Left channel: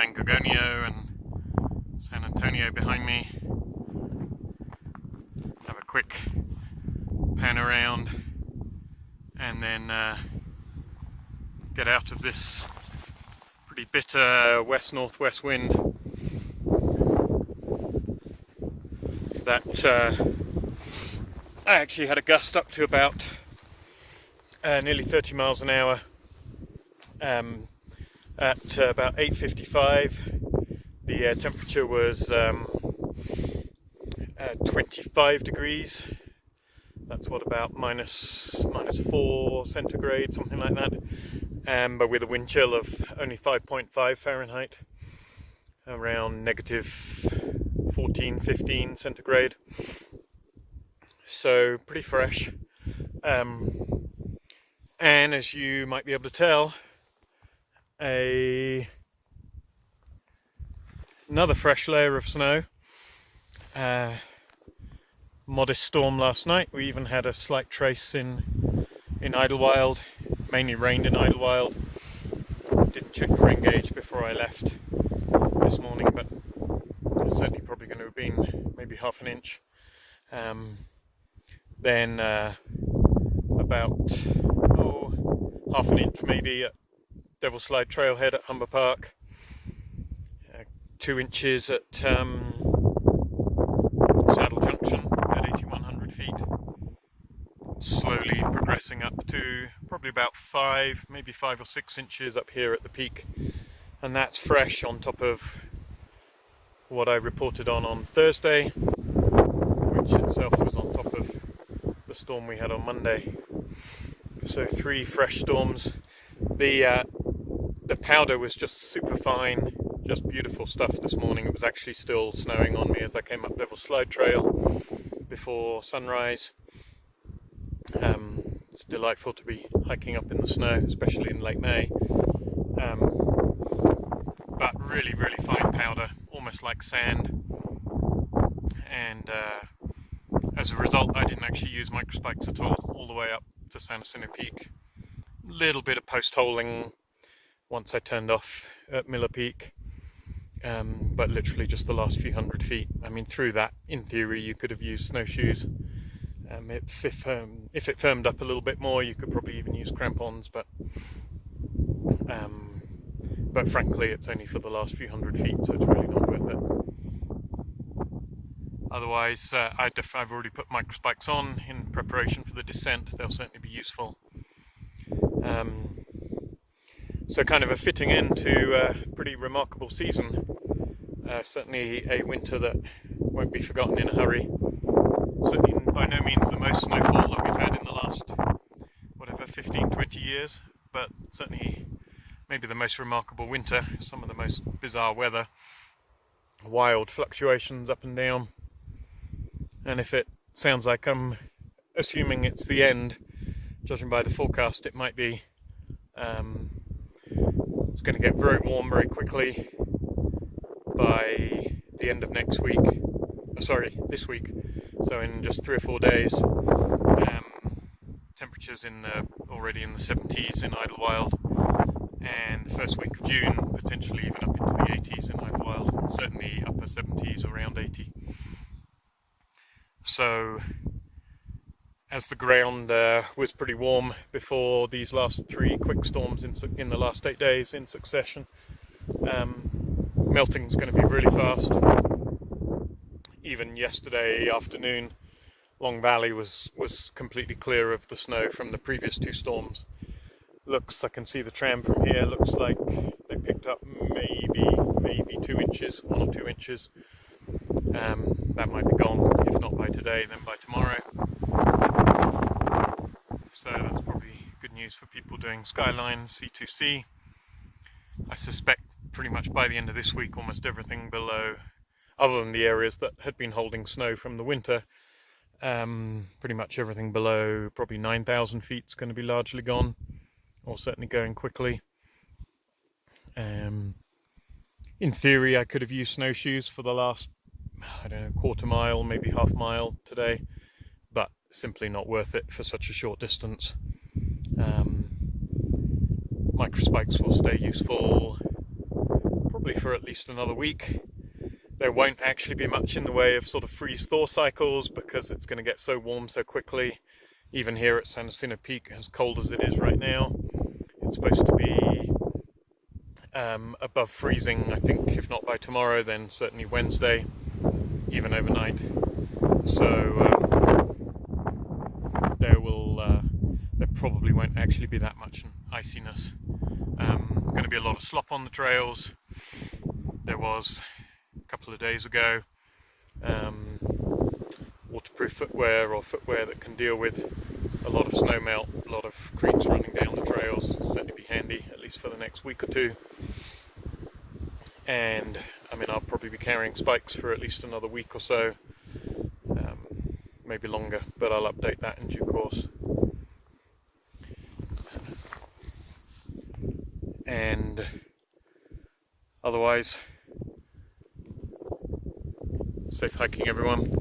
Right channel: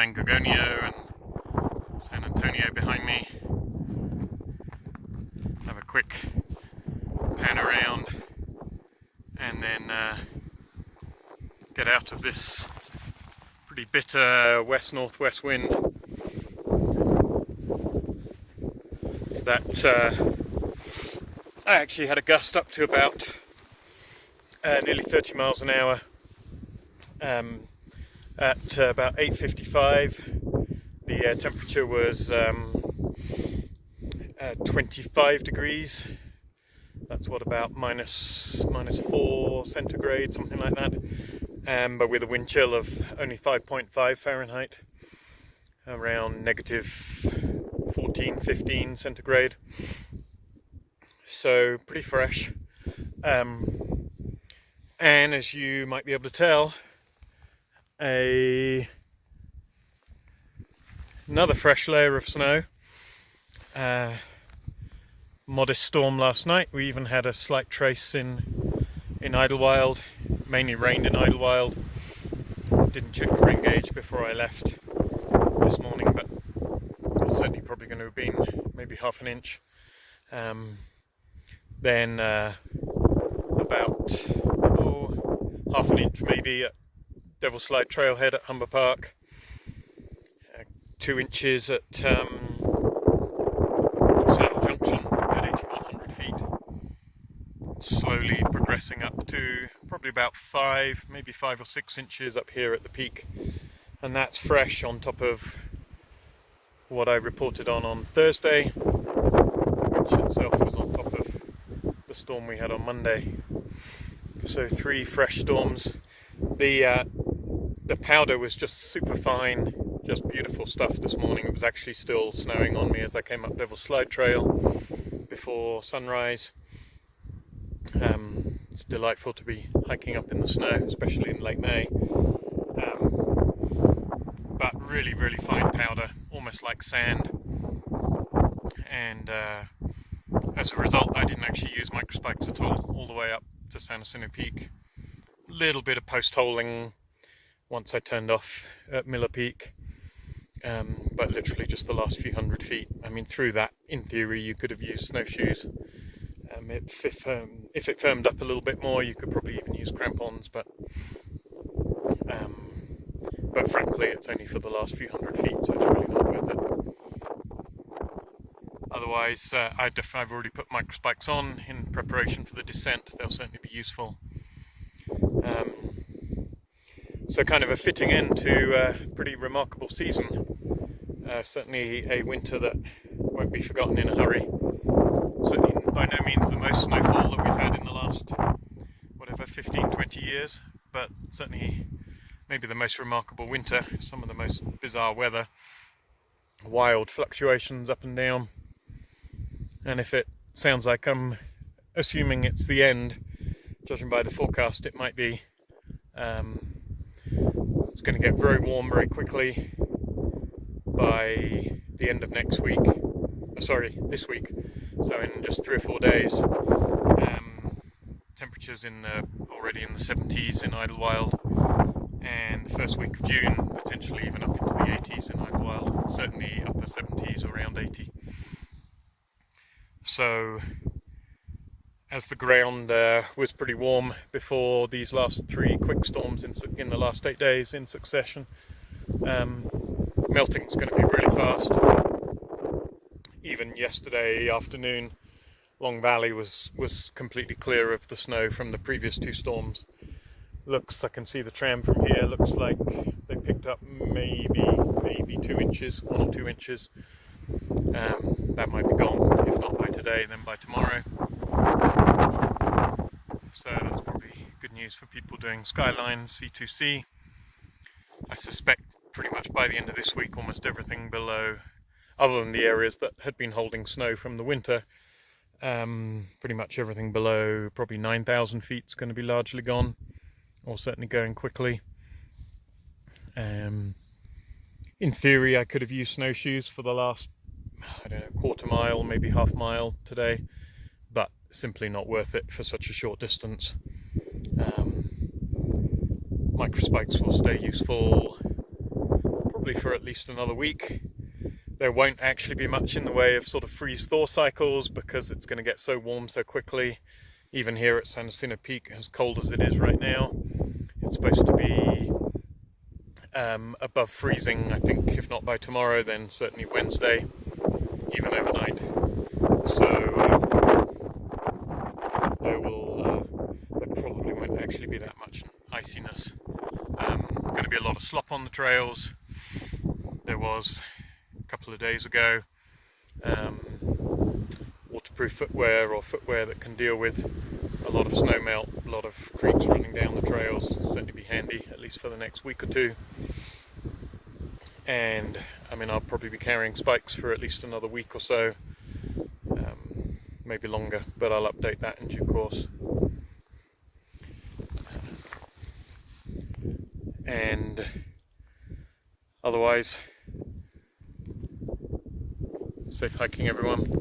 San Gorgonio and San Antonio behind me. Have a quick pan around and then get out of this pretty bitter west-northwest wind that I actually had a gust up to about nearly 30 miles an hour at about 8:55. The temperature was 25 degrees. That's what, about minus 4 centigrade, something like that. But with a wind chill of only 5.5 Fahrenheit, around negative 14, 15 centigrade. So pretty fresh. And as you might be able to tell, another fresh layer of snow. Modest storm last night. We even had a slight trace in Idlewild. Mainly rained in Idlewild. Didn't check the rain gauge before I left this morning, but it's certainly probably going to have been maybe half an inch. Then about half an inch maybe at Devil's Slide Trailhead at Humber Park. 2 inches at Saddle Junction at 8,100 feet. Slowly progressing up to probably about 5, maybe 5 or 6 inches up here at the peak. And that's fresh on top of what I reported on Thursday, which itself was on top of the storm we had on Monday. So 3 fresh storms. The powder was just super fine, just beautiful stuff this morning. It was actually still snowing on me as I came up Devil's Slide Trail before sunrise. It's delightful to be hiking up in the snow, especially in late May. But really, really fine powder, almost like sand. And as a result, I didn't actually use microspikes at all the way up to San Jacinto Peak. Little bit of post-holing once I turned off at Miller Peak, but literally just the last few hundred feet. I mean, through that, in theory, you could have used snowshoes. If it firmed up a little bit more, you could probably even use crampons, but frankly, it's only for the last few hundred feet, so it's really not worth it. Otherwise, I've already put microspikes on in preparation for the descent. They'll certainly be useful. So kind of a fitting end to a pretty remarkable season. Certainly a winter that won't be forgotten in a hurry. Certainly by no means the most snowfall that we've had in the last, 15, 20 years, but certainly maybe the most remarkable winter. Some of the most bizarre weather, wild fluctuations up and down. And if it sounds like I'm assuming it's the end, judging by the forecast, it might be. It's going to get very warm very quickly by the end of next week. This week. So in just 3 or 4 days. Temperatures already in the 70s in Idlewild, and the first week of June potentially even up into the 80s in Idlewild. Certainly upper 70s, around 80. So, as the ground was pretty warm before these last 3 quick storms in the last 8 days in succession, melting's going to be really fast. Even yesterday afternoon, Long Valley was completely clear of the snow from the previous 2 storms. I can see the tram from here, looks like they picked up maybe 2 inches, 1 or 2 inches. That might be gone, if not by today, then by tomorrow. So that's probably good news for people doing Skylines, C2C. I suspect pretty much by the end of this week, almost everything below, other than the areas that had been holding snow from the winter, pretty much everything below probably 9,000 feet is going to be largely gone, or certainly going quickly. In theory, I could have used snowshoes for the last, quarter mile, maybe half mile today, but simply not worth it for such a short distance. Microspikes will stay useful probably for at least another week. There won't actually be much in the way of sort of freeze-thaw cycles because it's going to get so warm so quickly. Even here at San Jacinto Peak, as cold as it is right now, it's supposed to be above freezing, I think, if not by tomorrow, then certainly Wednesday, even overnight. So there probably won't actually be that much iciness. There's going to be a lot of slop on the trails. There was a couple of days ago. Waterproof footwear or footwear that can deal with a lot of snow melt, a lot of creeks running down the trails. It'll certainly be handy, at least for the next week or two. And I mean, I'll probably be carrying spikes for at least another week or so, maybe longer, but I'll update that in due course. And otherwise, safe hiking everyone.